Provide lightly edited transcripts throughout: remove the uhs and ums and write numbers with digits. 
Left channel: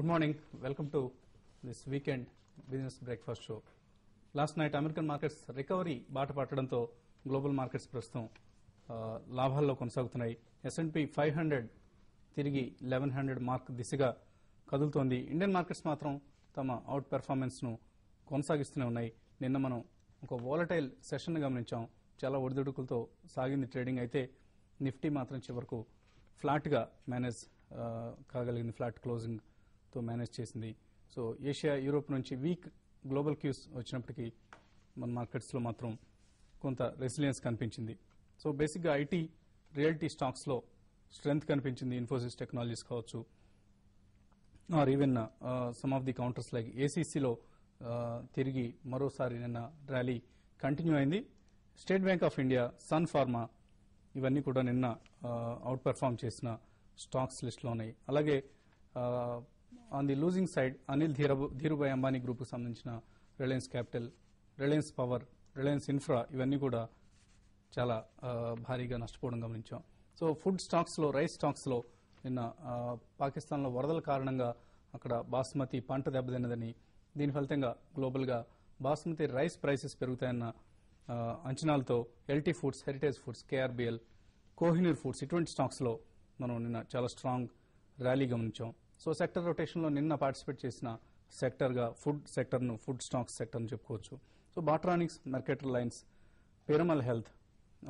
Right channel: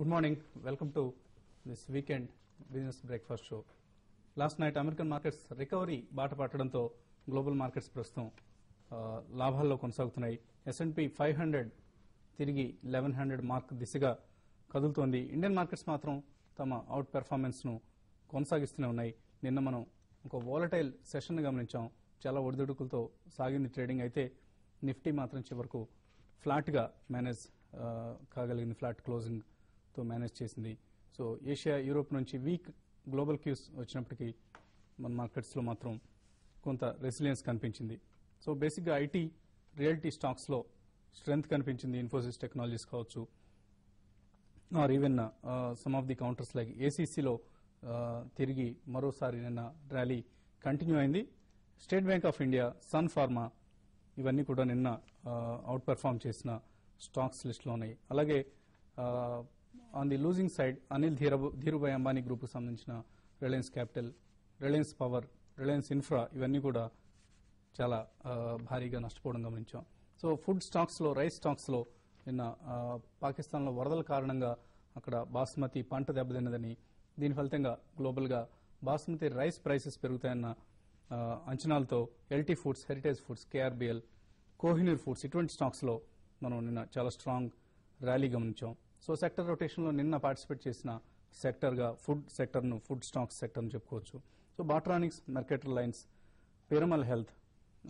Good morning. Welcome to this weekend business breakfast show. Last night American markets recovery బాట పట్టడంతో global markets ప్రస్తుతం లాభాల్లో కొనసాగుతున్నాయి. S&P 500 తిరిగి 1100 mark దిశగా కదులుతోంది. ఇండియన్ మార్కెట్స్ మాత్రం తమ అవుట్ పెర్ఫార్మెన్స్ ను కొనసాగిస్తూనే ఉన్నాయి. నిన్న మనం ఒక వోలటైల్ సెషన్ ని గమనించాం. చాలా ఒడిదుడుకులతో సాగింది ట్రేడింగ్. అయితే నిఫ్టీ మాత్రం చివరకు ఫ్లాట్ గా మేనేజ్ కాగలిగింది. ఫ్లాట్ క్లోజింగ్ తో మేనేజ్ చేసింది. సో ఏషియా, యూరోప్ నుంచి వీక్ గ్లోబల్ క్యూస్ వచ్చినప్పటికీ మన మార్కెట్స్ లో మాత్రం కొంత రెసిలియన్స్ కనిపించింది. సో బేసిక్ గా ఐటీ, రియల్టీ స్టాక్స్ లో స్ట్రెంగ్త్ కనిపించింది. ఇన్ఫోసిస్ టెక్నాలజీస్ కావచ్చు, or even some of the counters like ఏసీసీలో తిరిగి మరోసారి నిన్న ర్యాలీ కంటిన్యూ అయింది. State Bank of India, Sun Pharma ఇవన్నీ కూడా నిన్న అవుట్ పెర్ఫార్మ్ చేసిన స్టాక్స్ లిస్ట్ లో ఉన్నాయి. అలాగే on the losing side Anil Dhirubhai Ambani group కు సంబంధించిన Reliance capital, Reliance power, Reliance infra ఇవన్నీ కూడా చాలా భారీగా నష్టపోవడం గమనించాం. సో ఫుడ్ స్టాక్స్ లో, రైస్ స్టాక్స్ లో నిన్న పాకిస్తాన్ లో వరదల కారణంగా అక్కడ బాస్మతి పంట దెబ్బతిన్నదని, దీని ఫలితంగా గ్లోబల్ గా బాస్మతి రైస్ ప్రైసెస్ పెరుగుతాయన్న అంచనాలతో LT foods, heritage foods, KRBL, Kohinoor foods ఇటువంటి స్టాక్స్ లో మనం నిన్న చాలా స్ట్రాంగ్ ర్యాలీ గమనించాం. సో సెక్టర్ రొటేషన్ లో నిన్న పార్టిసిపేట్ చేసిన సెక్టర్ గా ఫుడ్ సెక్టర్ ను, ఫుడ్ స్టాక్స్ సెక్టర్ ను చెప్పుకోవచ్చు. So బాట్రానిక్స్, Mercator lines, Piramal health,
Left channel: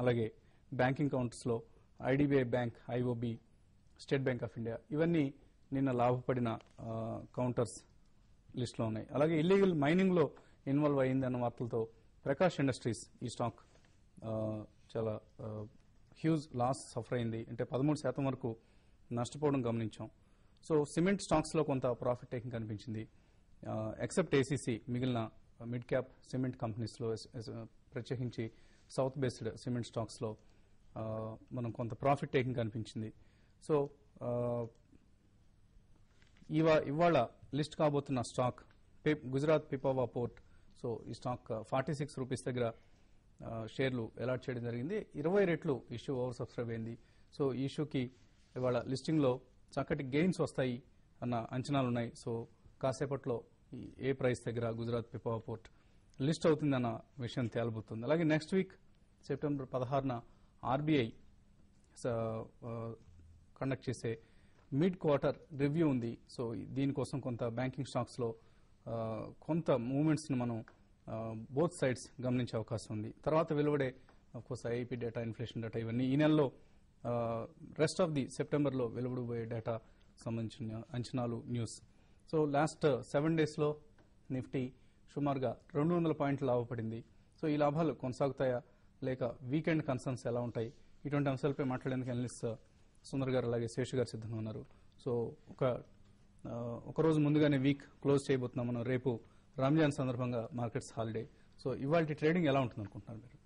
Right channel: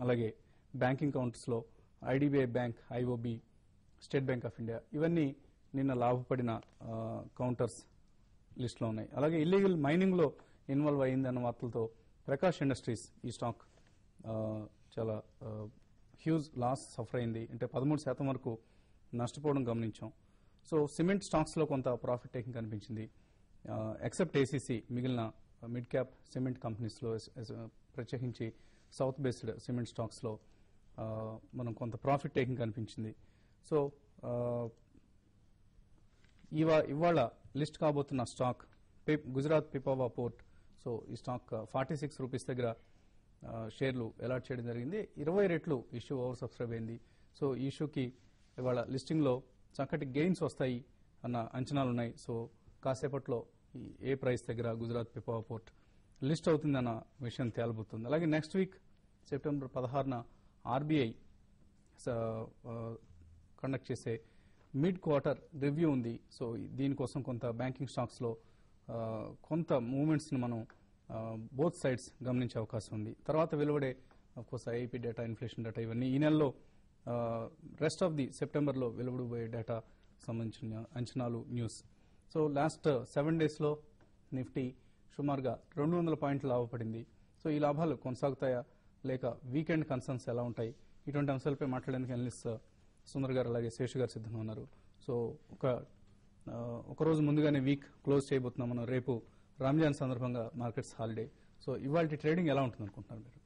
అలాగే బ్యాంకింగ్ కౌంటర్స్ లో IDBI bank, IOB, state Bank of India ఇవన్నీ నిన్న లాభపడిన కౌంటర్స్ లిస్ట్ లో ఉన్నాయి. అలాగే ఇల్లీగల్ మైనింగ్ లో ఇన్వాల్వ్ అయిందన్న వార్తలతో ప్రకాష్ ఇండస్ట్రీస్ ఈ స్టాక్ చాలా హ్యూజ్ లాస్ సఫర్ అయింది. అంటే 13% వరకు నష్టపోవడం గమనించాం. సో సిమెంట్ స్టాక్స్ లో కొంత ప్రాఫిట్ టేకింగ్ కనిపించింది. ఎక్సెప్ట్ ఏసీసీ మిగిలిన మిడ్ క్యాప్ సిమెంట్ కంపెనీస్ లో, ప్రత్యేకించి సౌత్ బేస్డ్ సిమెంట్ స్టాక్స్ లో మనం కొంత ప్రాఫిట్ టేకింగ్ కనిపించింది. సో ఇవాళ లిస్ట్ కాబోతున్న stock Gujarat Pipavav port. So ఈ స్టాక్ 46 రూపీస్ దగ్గర షేర్లు అలాట్ చేయడం జరిగింది. 20 రెట్లు ఇష్యూ ఓవర్ సబ్స్క్రైబ్ అయింది. సో ఈ ఇష్యూకి ఇవాళ లిస్టింగ్ లో చక్కటి గెయిన్స్ వస్తాయి అన్న అంచనాలున్నాయి. సో కాసేపట్లో ఏ ప్రైస్ దగ్గర గుజరాత్ పిపావా పోర్ట్ లిస్ట్ అవుతుందన్న విషయం తేలబోతుంది. అలాగే నెక్స్ట్ వీక్ సెప్టెంబర్ 16న ఆర్బీఐ కండక్ట్ చేసే మిడ్ క్వార్టర్ రివ్యూ ఉంది. సో దీనికోసం కొంత బ్యాంకింగ్ స్టాక్స్ లో కొంత మూవ్మెంట్స్ ని మనం బోత్ సైడ్స్ గమనించే అవకాశం ఉంది. తర్వాత వెలువడే course IIP data, inflation data ఇవన్నీ ఈ నెలలో రెస్ట్ ఆఫ్ ది సెప్టెంబర్ లో వెలువడబోయే డేటా సంబంధించిన అంచనాలు, న్యూస్. సో లాస్ట్ 7 days లో నిఫ్టీ సుమారుగా 200 పాయింట్లు లాభపడింది. సో ఈ లాభాలు కొనసాగుతాయా లేక వీకెండ్ కన్సర్న్స్ ఎలా ఉంటాయి? ఇటువంటి అంశాలపై మాట్లాడడానికి అనలిస్ట్ సుందర్ గారు అలాగే శేషు గారు సిద్ధంగా ఉన్నారు. సో ఒక రోజు ముందుగానే వీక్ క్లోజ్ చేయబోతున్నాం మనం. రేపు రంజాన్ సందర్భంగా మార్కెట్స్ హాలిడే. సో ఇవాళ ట్రేడింగ్ ఎలా ఉంటుంది అనుకుంటున్నారు మీరు?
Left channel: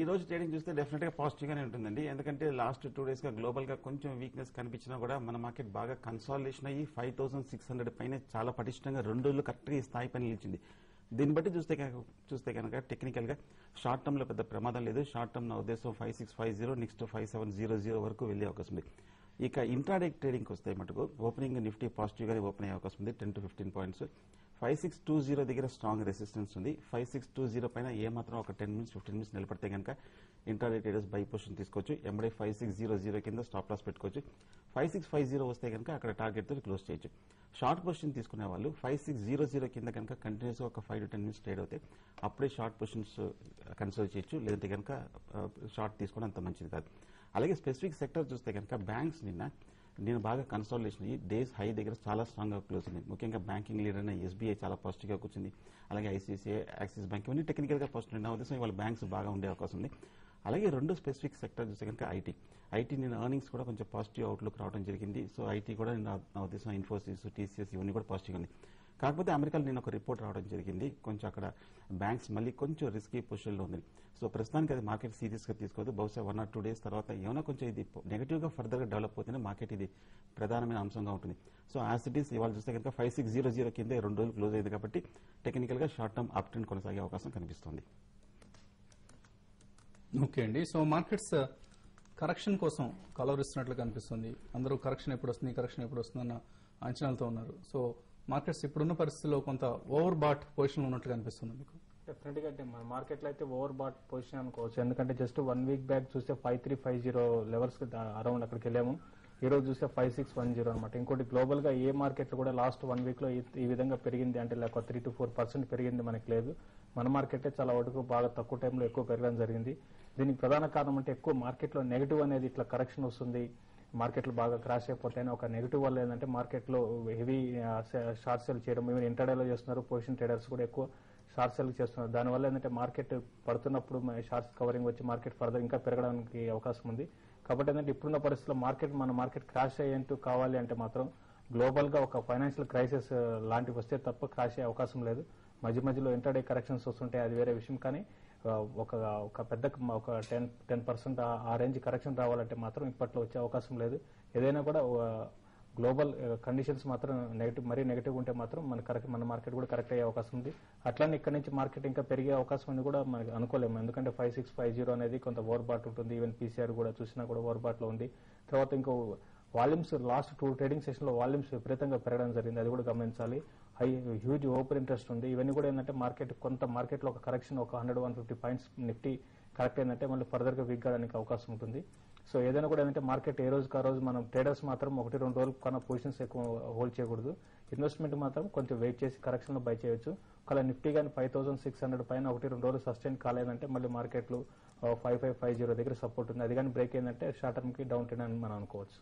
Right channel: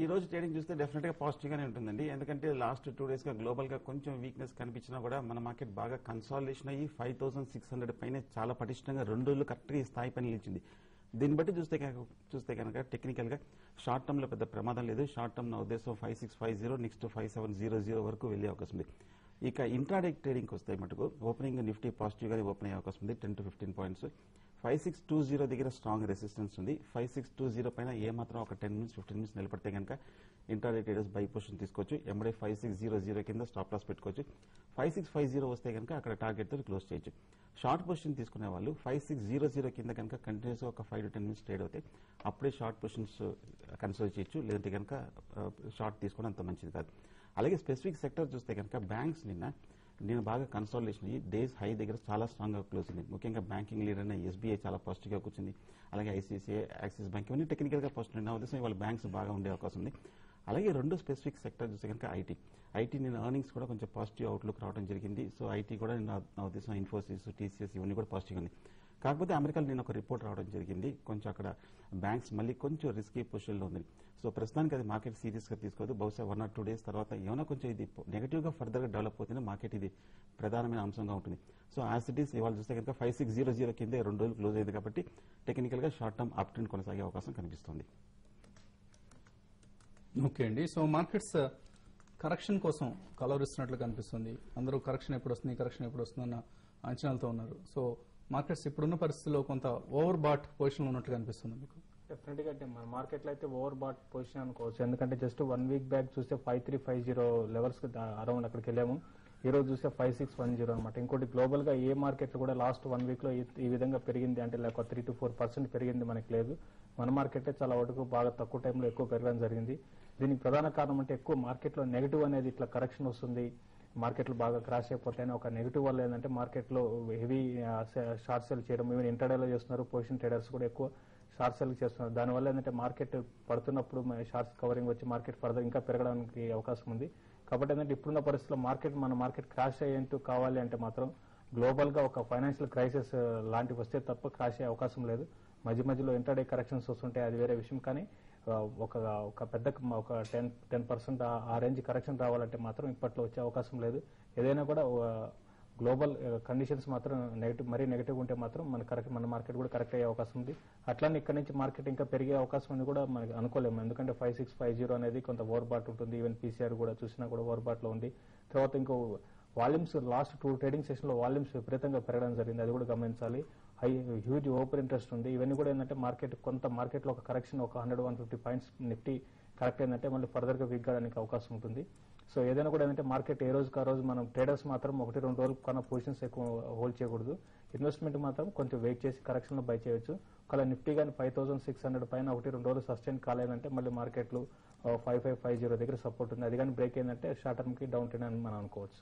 ఈ రోజు ట్రేడింగ్ చూస్తే డెఫినెట్ గా పాజిటివ్ గానే ఉంటుందండి. ఎందుకంటే లాస్ట్ 2 days గా గ్లోబల్ గా కొంచెం వీక్నెస్ కనిపించినా కూడా మన మార్కెట్ బాగా కన్సాలిడేషన్ అయ్యి 5600 పైన చాలా పటిష్టంగా 2 రోజులు కరెక్ట్ గా ఈ స్థాయి పైన నిలిచింది. దీన్ని బట్టి చూస్తే కనుక టెక్నికల్ గా షార్ట్ టర్మ్ లో పెద్ద ప్రమాదం లేదు. షార్ట్ టర్మ్ నా ఉద్దేశం 5650 నెక్స్ట్ 5700 వరకు వెళ్లే అవకాశం ఉంది. ఇక ఇంట్రాడే ట్రేడింగ్ వస్తే మటుకు ఓపెనింగ్ నిఫ్టీ పాజిటివ్ గానే ఓపెన్ అయ్యే అవకాశం ఉంది. 10 to 15 పాయింట్స్. 5620 దగ్గర స్ట్రాంగ్ రెసిస్టెన్స్ ఉంది. 5620 పైన ఏమాత్రం ఒక 10 minutes 15 minutes నిలబడితే కనుక ఇంట్రాడే ట్రేడర్స్ బై పొజిషన్ తీసుకోవచ్చు. ఎంబడే 5600 కింద స్టాప్ లాస్ పెట్టుకోవచ్చు. 5650 వస్తే కనుక అక్కడ టార్గెట్ తో క్లోజ్ చేయొచ్చు. షార్ట్ పొజిషన్ తీసుకునే వాళ్ళు 5600 కింద కనుక కంటిన్యూస్ ఒక 5 to 10 minutes ట్రేడ్ అవుతాయి. అప్పుడే షార్ట్ పొజిషన్స్ కన్సిడర్ చేయొచ్చు. లేదంటే కనుక షార్ట్ తీసుకుని అంత మంచిది కాదు. అలాగే స్పెసిఫిక్ సెక్టర్ చూస్తే కనుక బ్యాంక్స్ నేను బాగా కన్సాలిడేషన్ అయ్యి డేస్ హై దగ్గర చాలా స్ట్రాంగ్ గా క్లోజ్ ఉంది. ముఖ్యంగా బ్యాంకింగ్ లీడర్ అయిన ఎస్బీఐ చాలా పాజిటివ్ గా కూర్చుంది. అలాగే ఐసీఐసీఐ, యాక్సిస్ బ్యాంక్ ఇవన్నీ టెక్నికల్ గా పాజిటివ్. నా ఉద్దేశం వాళ్ళ బ్యాంక్స్ బాగా ఉండే అవకాశం ఉంది. అలాగే 2 స్పెసిఫిక్ సెక్టర్ చూస్తే కనుక ఐటీ నేను ఎర్నింగ్స్ కూడా కొంచెం పాజిటివ్ అవుట్లుక్ రావడం జరిగింది. సో ఐటీ కూడా నా ఉద్దేశం ఇన్ఫోసిస్, టీసీఎస్ ఇవన్నీ కూడా పాజిటివ్ ఉంది. కాకపోతే అమెరికాలో నేను ఒక రిపోర్ట్ రావడం జరిగింది. కొంచెం అక్కడ బ్యాంక్స్ మళ్ళీ కొంచెం రిస్కీ పొజిషన్ లో ఉంది. సో ప్రస్తుతానికి అది మార్కెట్ సీరియస్ గా తీసుకోవద్దు. బహుశా 1 or 2 days తర్వాత ఏమైనా కొంచెం ఇది నెగిటివ్ గా ఫర్దర్ గా డెవలప్ అవుతుంది. మార్కెట్ ఇది ప్రధానమైన అంశంగా ఉంటుంది. సో యాజ్ ఇట్ ఈస్ ఇవాళ చూస్తే కనుక 5600 కింద 2 రోజులు క్లోజ్ అయింది కాబట్టి టెక్నికల్ గా షార్ట్ టర్మ్ అప్ ట్రెండ్ కొనసాగే అవకాశం కనిపిస్తుంది. ఓకే అండి. సో మార్కెట్స్ కరెక్షన్ కోసం కలవరిస్తున్నట్లు కనిపిస్తుంది. అందరూ కరెక్షన్ ఎప్పుడు వస్తుంది అన్న అంచనాలతో ఉన్నారు. సో మార్కెట్స్ ఇప్పుడున్న పరిస్థితుల్లో కొంత ఓవర్ బాట్ పొజిషన్ ఉన్నట్టుగా అనిపిస్తుంది మీకు? డెఫినెట్ గా మన మార్కెట్ లో అయితే ఓవర్ బాట్ పొజిషన్ అనుకోవచ్చు. ఎందుకంటే జస్ట్ 1 వీక్ బ్యాక్ చూస్తే 5350 లెవెల్స్ అరౌండ్ అక్కడికి వెళ్ళాము. ఈ రోజు చూస్తే 5610 అనమాట. ఇంకోటి గ్లోబల్ గా ఏ మార్కెట్ కూడా లాస్ట్ 1 వీక్ లో ఈ విధంగా పెరిగింది అంటే లేక 3 to 4% పెరిగింది మనకి లేదు. మన మార్కెట్ చాలా వరకు బాగా తక్కువ టైంలో ఎక్కువ పెరగడం జరిగింది. దీనికి ప్రధాన కారణం అంటే ఎక్కువ మార్కెట్ లో నెగిటివ్ అనేది ఇట్లా కరెక్షన్ వస్తుంది, మార్కెట్లు బాగా క్రాష్ అయిపోతాయని ఒక నెగిటివ్ వల్ల ఏంటంటే మార్కెట్ లో హెవీ షార్ట్ సెల్ చేయడం, ఇంటర్డేలో చేస్తున్నారు, పొజిషన్ ట్రేడర్స్ కూడా ఎక్కువ షార్ట్ సెల్ చేస్తున్నారు. దానివల్ల ఏంటంటే మార్కెట్ పడుతున్నప్పుడు షార్ట్స్ కవరింగ్ వచ్చి మార్కెట్ ఫర్దర్ ఇంకా పెరగడానికి అవకాశం ఉంది. కాబట్టి ఏంటంటే ఇప్పుడున్న పరిస్థితుల్లో మన మార్కెట్ క్రాష్ అయ్యేంటూ కావాలి అంటే మాత్రం గ్లోబల్ గా ఒక ఫైనాన్షియల్ క్రైసిస్ లాంటివి వస్తే తప్ప క్రాష్ అయ్యే అవకాశం లేదు. మధ్య మధ్యలో ఇంటర్డే కరెక్షన్స్ వస్తుంటాయి, అది వేరే విషయం. కానీ ఒక పెద్ద ఒక 10% ఆ రేంజ్ కరెక్షన్ రావాలంటే మాత్రం ఇప్పట్లో వచ్చే అవకాశం లేదు. ఏదైనా కూడా గ్లోబల్ కండిషన్స్ మాత్రం మరీ నెగిటివ్ ఉంటే మాత్రం మన మార్కెట్ కూడా కరెక్ట్ అయ్యే అవకాశం ఉంది. అట్లానే ఇక్కడ నుంచి మార్కెట్ ఇంకా పెరిగే అవకాశం ఉంది కూడా మనకి అనుకోలేము. ఎందుకంటే 5650 అనేది కొంత ఓవర్ బాట్ ఉంటుంది. ఈవెన్ పీసీఆర్ కూడా చూసినా కూడా ఓవర్ బాట్ లో ఉంది. తర్వాత ఇంకో వాల్యూమ్స్ లాస్ట్ 2 ట్రేడింగ్ సెషన్ లో వాల్యూమ్స్ విపరీతంగా పెరగడం జరిగింది, అది కూడా గమనించాలి. హ్యూజ్ ఓపెన్ ఇంట్రెస్ట్ ఉంది. ఇవన్నీ కూడా ఏంటంటే మార్కెట్ లో ఒక కరెక్షన్ ఒక 100-150 పాయింట్స్ నిఫ్టీ కరెక్ట్ ఏంటంటే మళ్ళీ ఫర్దర్ గా వీక్ కావడానికి అవకాశం ఉంటుంది. సో ఏదైనా కూడా ఏంటంటే మార్కెట్ ఏ రోజుకి ఆ రోజు మనం ట్రేడర్స్ మాత్రం 1-2 రోజులు కన్నా పొజిషన్స్ ఎక్కువ హోల్డ్ చేయకూడదు. ఇన్వెస్ట్మెంట్ మాత్రం కొంచెం వెయిట్ చేసి కరెక్షన్ లో బై చేయొచ్చు. ఒకవేళ నిఫ్టీ కానీ 5600 పైన 1-2 రోజులు సస్టైన్ కాలేదంటే మళ్ళీ మార్కెట్లు 5550 దగ్గర సపోర్ట్ ఉంది. అది కానీ బ్రేక్ అయిందంటే షార్ట్ టర్మ్ కి డౌన్ ట్రెండ్ అని మనం అనుకోవచ్చు.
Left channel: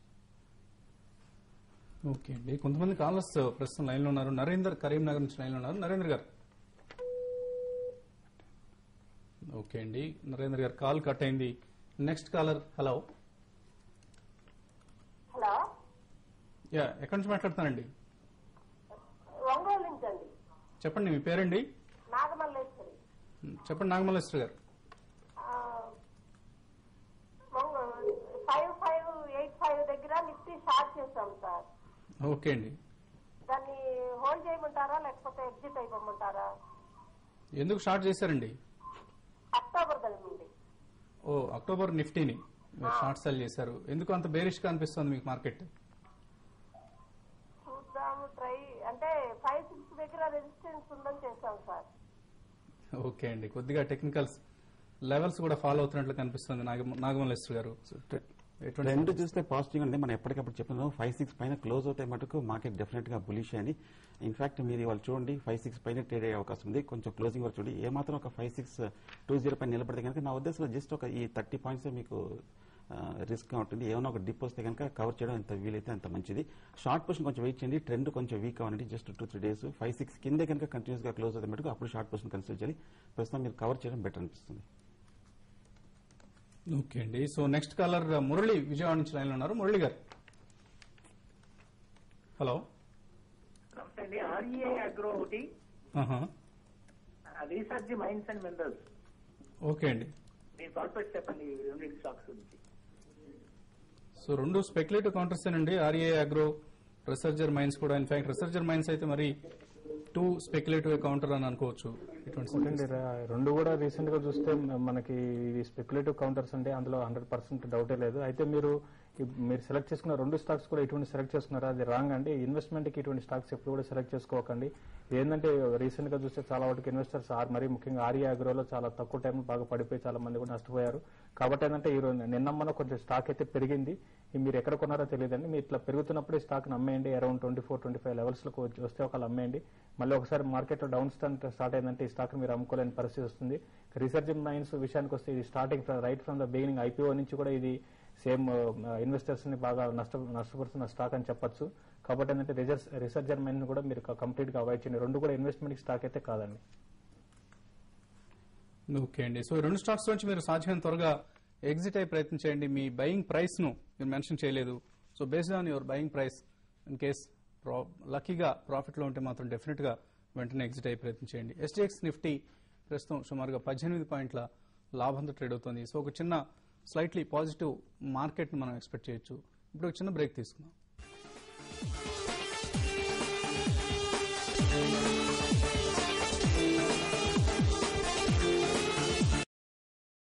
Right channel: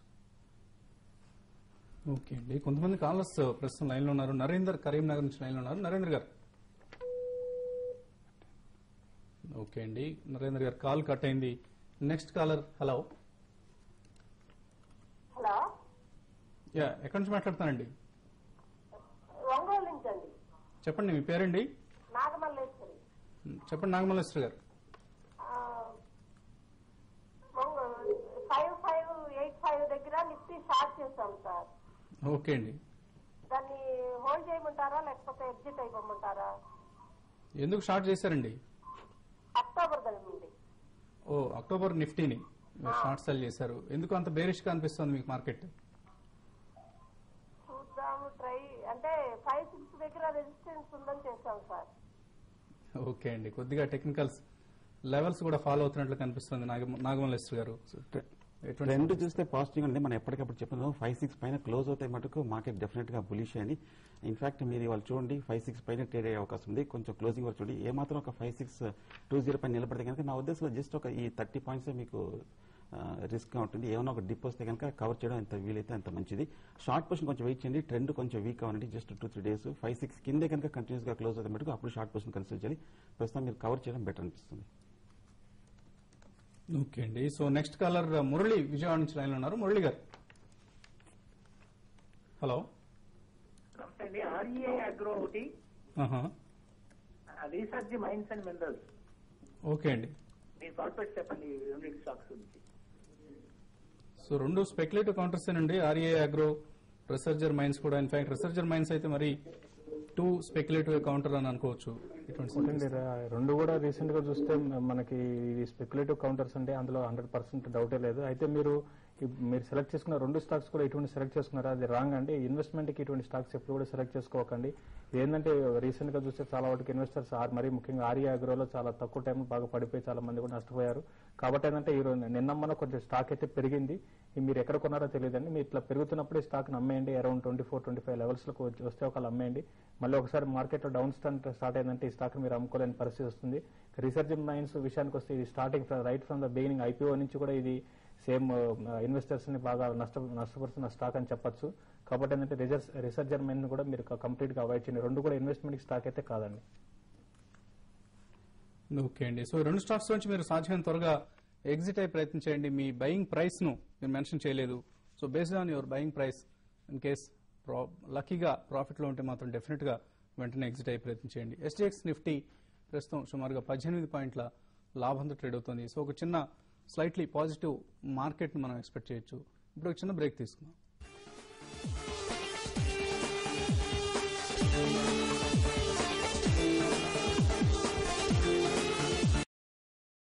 ఓకే అండి, కొంతమంది కాలర్స్ ప్రస్తుతం లైన్ లో ఉన్నారు. నరేందర్ కరీంనగర్ నుంచి లైన్ లో ఉన్నారు. నరేంద్ర గారు. ఓకే అండి, నరేంద్ర గారు కాల్ కట్ అయింది. Next caller. Hello. Hello, yeah, ఎక్కడి నుంచి మాట్లాడుతానండి? ఒంగోలు నుంచి అండి. చెప్పండి, మీ పేరండి? నాగమల్లేశ్వరి. చెప్పండి నాగమల్లేశ్వరి గారు. 5585 దగ్గర నిఫ్టీ షార్ట్ చేశాం సార్. ఓకే అండి, దాన్ని హోల్డ్ చేయమంటారా లేకపోతే ఎగ్జిట్ అయిపోమంటారా? ఎందుకు షార్ట్ చేశారండి? అక్టోబర్ జరిగింది. ఓ, అక్టోబర్ నిఫ్టీని మీరు షార్ట్ సెల్ చేశారు. ఎందుకు అంత బేరిష్ గా అనిపిస్తుంది మీకు మార్కెట్? చూద్దాము, ట్రై అంటే 56 దగ్గర రెసిస్టెన్స్ ఉందని చేశాం సార్. ఓకే అండి, కొద్దిగా టెక్నికల్స్ లెవెల్స్ కూడా ఫాలో అవుతున్నట్లు కనిపిస్తుంది నాగమల్లేశ్వరి గారు. రెండు చూస్తే పాజిటివ్ ఉంది. మనం ఎప్పటికప్పుడు చెప్తున్నాం 56 పైన క్లోజ్ అవుతాయి మటుకు మార్కెట్ డెఫినెట్ గా బులిష్ అని. ఇన్ఫాక్ట్ మీరు ఇవాళ చూడండి 56 పైన ట్రేడ్ అయ్యే అవకాశం ఉంది. కొంచెం క్లోజింగ్ కూడా చూడండి, ఏమాత్రం ఒక 5620 పైన నిలబడితే కనుక నా ఉద్దేశంలో జస్ట్ ఒక ఈ 30 పాయింట్స్ మీకు రిస్క్ గా ఉంటుంది. ఏమైనా ఒక డిప్ వస్తే కనుక కవర్ చేయడం ఎంత వీలైతే అంత మంచిది. షార్ట్ పొజిషన్ కొంచెం వెయిట్ చేయండి, ట్రెండ్ కొంచెం వీక్ అవ్వండి. జస్ట్ 2-3 డేస్ 56 కిందే కనుక కంటిన్యూస్ గా క్లోజ్ అవుతాయి మటుకు అప్పుడు షార్ట్ పొజిషన్ కన్సిడర్ చేయాలి. ప్రస్తుతం మీరు కవర్ చేయడం బెటర్ అనిపిస్తుంది. ఓకే అండి, so next caller Murali Vijayawada నుంచి లైన్ ఉన్నారు. మురళి గారు. Hello. Research mines and minerals. Okay అండి, మీ కార్పొరేట్ చెప్పండి. సో రెండు స్పెక్యులేటివ్ కౌంటర్స్ అండి, ఆర్ఏ అగ్రో, రిసర్చర్ మైన్స్ కూడా. ఇన్ఫాక్ట్ రిసర్చర్ మైన్స్ అయితే మరి 2 స్పెక్యులేటివ్ కౌంటర్ అని అనుకోవచ్చు. రెండు కూడా రీసెంట్ గా చూస్తే మనకి ఇది స్పెక్యులేటివ్ కౌంటర్స్ అంటే అందులో 100% డౌటే లేదు. అయితే మీరు సెలెక్ట్ చేసుకున్న 2 స్టాక్స్ కూడా ఇటువంటి సెలెక్ట్ చేసుకున్నారా? అది రాంగ్ అండి. ఇన్వెస్ట్మెంట్ కి ఇటువంటి స్టాక్స్ ఎప్పుడు కూడా సెలెక్ట్ చేసుకోకండి. ఏంటంటే రీసెంట్ గా చూస్తే చాలా వరకు ఇన్వెస్టర్స్ మరీ ముఖ్యంగా ఆర్ఏ అగ్రోలో చాలా తక్కువ టైం బాగా పడిపోయి చాలా మంది కూడా నష్టపోయారు. కాబట్టి ఏంటంటే ఈ నిన్న మన కొంచెం స్టాక్ అయితే పెరిగింది. మీరు ఎక్కడ కొన్నారో తెలియదండి. మీరు ఇట్లా పెరుగుతున్నప్పుడు స్టాక్ అమ్మేయండి. అరౌండ్ 24-25 లెవెల్స్ లో వస్తే ఒకళ్ళు అమ్మేయండి. మళ్ళీ ఒకసారి మార్కెట్ లో డౌన్ స్టార్ట్ అయిందంటే ఈ స్టాక్ మీరు అమ్ముకోలేని పరిస్థితి వస్తుంది. రీసెర్చింగ్ మైన్స్ విషయానికి వస్తే ఇది starting right from the beginning IPO నుంచి కూడా ఇది సేమ్ ఇన్వెస్టర్స్ ని బాగా నష్టపరుస్తున్న స్టాక్ అని చెప్పొచ్చు. కాబట్టి ఏంటంటే రీసెర్చర్ మైన్ కూడా మీరు కంప్లీట్ గా అవాయిడ్ చేయండి. రెండు కూడా ఇన్వెస్ట్మెంట్ స్టాక్ అయితే కాదండి. ఓకే అండి, సో 2 స్టాక్స్ నుంచి మీరు సాధ్యమైన త్వరగా ఎగ్జిట్ అయ్యే ప్రయత్నం చేయండి. మీ బయింగ్ ప్రైస్ ను మీరు మెన్షన్ చేయలేదు. So based on your buying price in case లక్కీగా ప్రాఫిట్ లో ఉంటే మాత్రం డెఫినెట్ గా వెంటనే ఎగ్జిట్ అయ్యే ప్రయత్నం చేయండి. ఎస్టీఎక్స్ నిఫ్టీ ప్రస్తుతం సుమారుగా 18 పాయింట్ల లాభంతో ట్రేడ్ అవుతుంది. సో ఒక చిన్న స్లైట్లీ పాజిటివ్ మార్కెట్ మనం ఎక్స్పెక్ట్ చేయొచ్చు. ఇప్పుడు ఒక చిన్న బ్రేక్ తీసుకుందాం.